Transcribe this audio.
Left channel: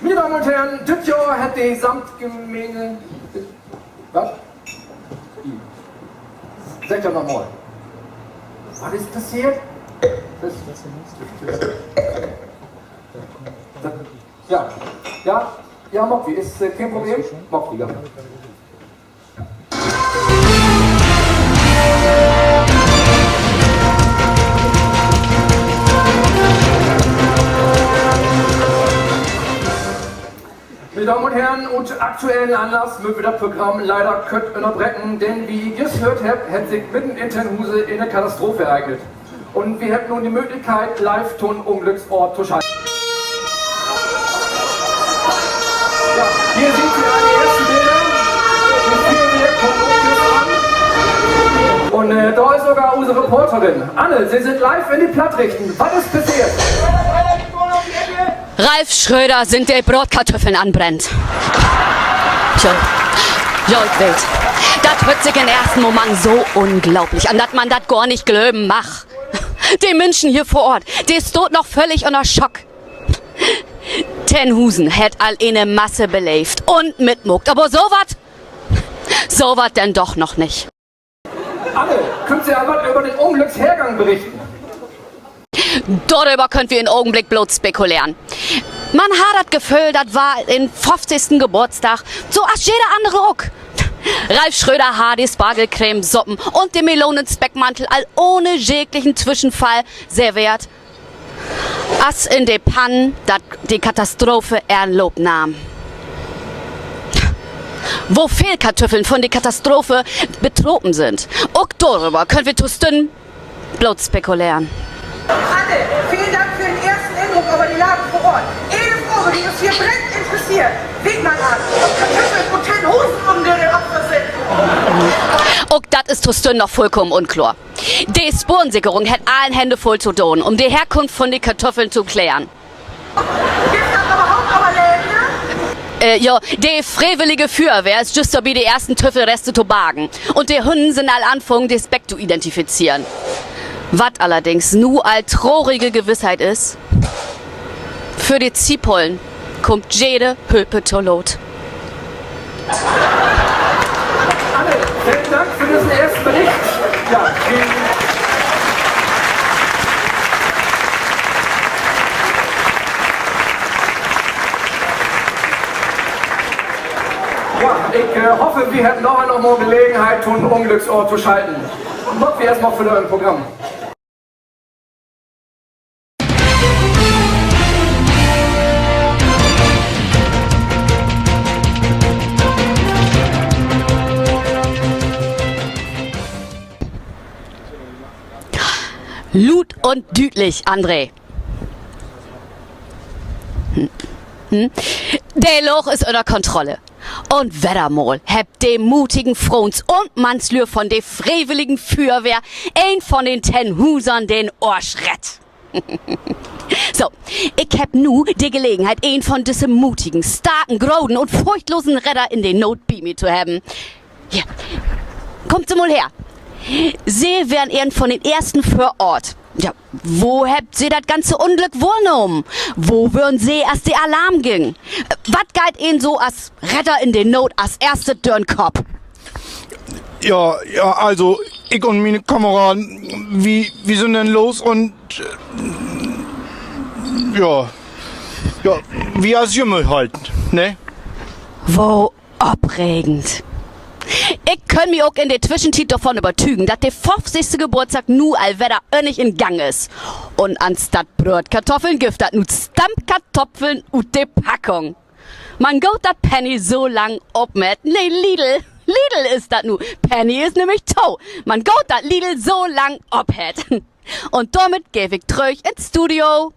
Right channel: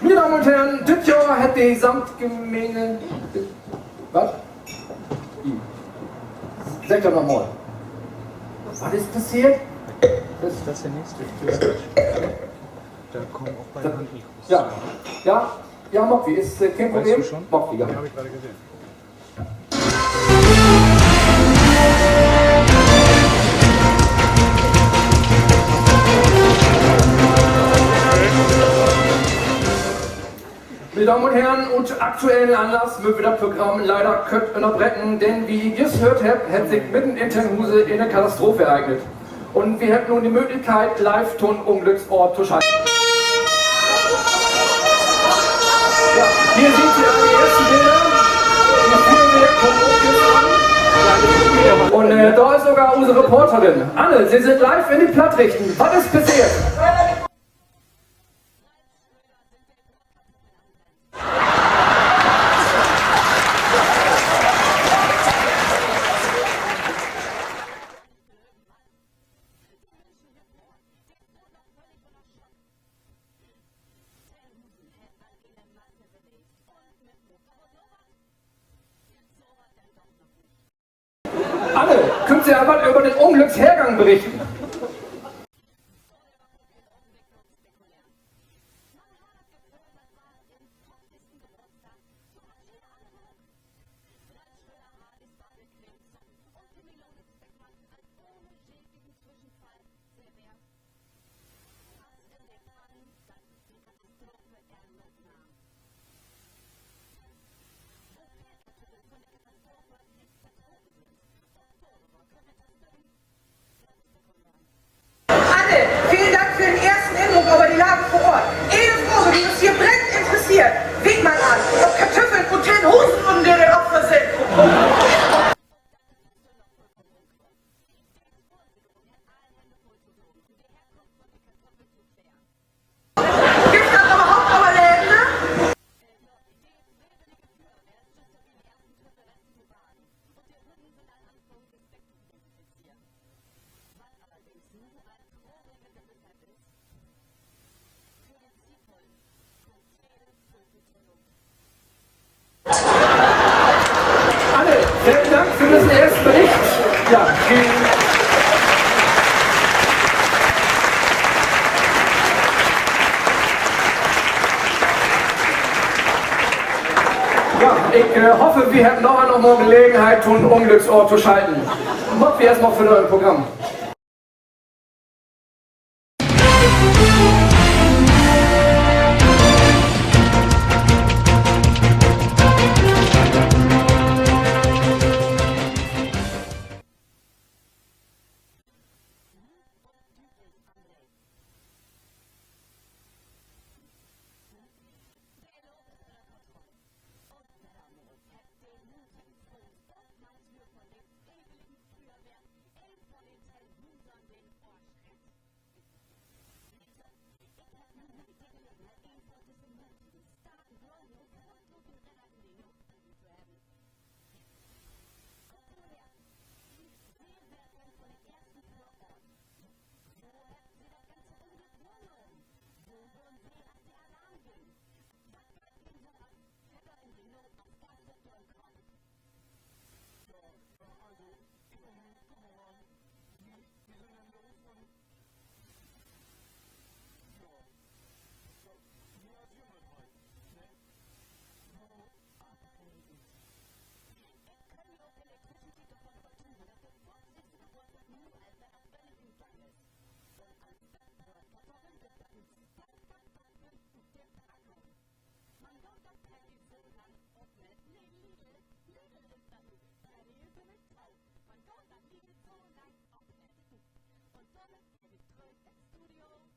Meine Damen und Herren, dieses Jahr hat die Samtgemeinde... Was? Sag doch nochmal. Was ist passiert? Das ist der nächste. Ja, Mokwi, ist kein Problem? Mokwi, ja. Meine Damen und Herren, und aktuellen Anlass müssen wir das Programm leider unterbrechen, denn wie ihr es gehört habt, hat sich mitten in Tennhuse eine Katastrophe ereignet. Und wir haben nun die Möglichkeit, Live-Ton-Unglücksort zu schalten. Ja, hier seht ihr die ersten Bilder. Die Feuerwehr kommt an. Und da ist sogar unsere Reporterin. Anne, Sie sind live in die Plattrichten. Was ist passiert? Ralf Schröder sind die Brotkartoffeln anbrennt. So wild. Das hört sich im ersten Moment so unglaublich an, dass man das gar nicht glauben macht. Die Menschen hier vor Ort, die ist dort noch völlig unter Schock. Tennhusen hat all eine Masse belebt und mitmuckt, aber so was denn doch noch nicht. Anne, könnt ihr aber über den Unglückshergang berichten? Darüber könnt wir im Augenblick bloß spekulieren. Man hat das Gefühl, das war den 50. Geburtstag, so als jeder andere auch. Ralf Schröder hat die Spargelcreme, Suppen und den Melonenspeckmantel all ohne jeglichen Zwischenfall serviert, als in de Pannen die Katastrophe Anlauf nahm. Wo Fehlkartoffeln von der Katastrophe betroffen sind, auch darüber können wir tusten bloß spekulieren. Anne, vielen Dank für den ersten Eindruck über die Lage vor Ort. Jede Frage, die uns hier brennend interessiert, winkt mal an, ob Kartoffeln und Tennhusen unsere Opfer sind. Auch das ist Tustön noch vollkommen unklar. Die Spurensicherung hat allen Hände voll zu tun, um die Herkunft von den Kartoffeln zu klären. Gibt das überhaupt aber Läden? Ja, die freiwillige Feuerwehr ist just dabei, die ersten Töffelreste zu bergen. Und die Hunden sind all anfangen, das Speck zu identifizieren. Was allerdings nur als traurige Gewissheit ist, für die Ziepollen kommt jede Hülpe zur Lot. Anne, vielen Dank für diesen ersten Bericht. Ja, ich hoffe, wir hätten noch mal Gelegenheit, einen Unglücksort zu schalten. Machen wir erstmal für euer Programm. Lut und düdlich, André. Der Loch ist unter Kontrolle. Und Wettermol habt dem mutigen Frons und Manslür von der freiwilligen Feuerwehr ein von den Tennhusern den Ohrschrett. So, ich hab nu die Gelegenheit, ein von diesen mutigen, starken, groden und furchtlosen Retter in den Not bei mir zu haben. Hier, kommt sie mal her. Sie wären einen von den ersten vor Ort. Ja, wo habt Sie das ganze Unglück wahrgenommen? Wo würden Sie, als der Alarm ging? Was geht Ihnen so als Retter in den Not als erste durch den Kopf? Ja, also ich und meine Kameraden, wie sind denn los und wie als Jümmel halten, ne? Wo abregend. Ich kann mich auch in der Zwischenzeit davon überzeugen, dass der 50. Geburtstag nu allwetter nicht in Gang ist. Und anstatt Brotkartoffeln gibt das nu Stammkartoffeln und de Packung. Man geht dat Penny so lang ob mit, nee, Lidl ist das nu. Penny ist nämlich tau. Man geht dat Lidl so lang ob het. Und damit geh ich zurück ins Studio.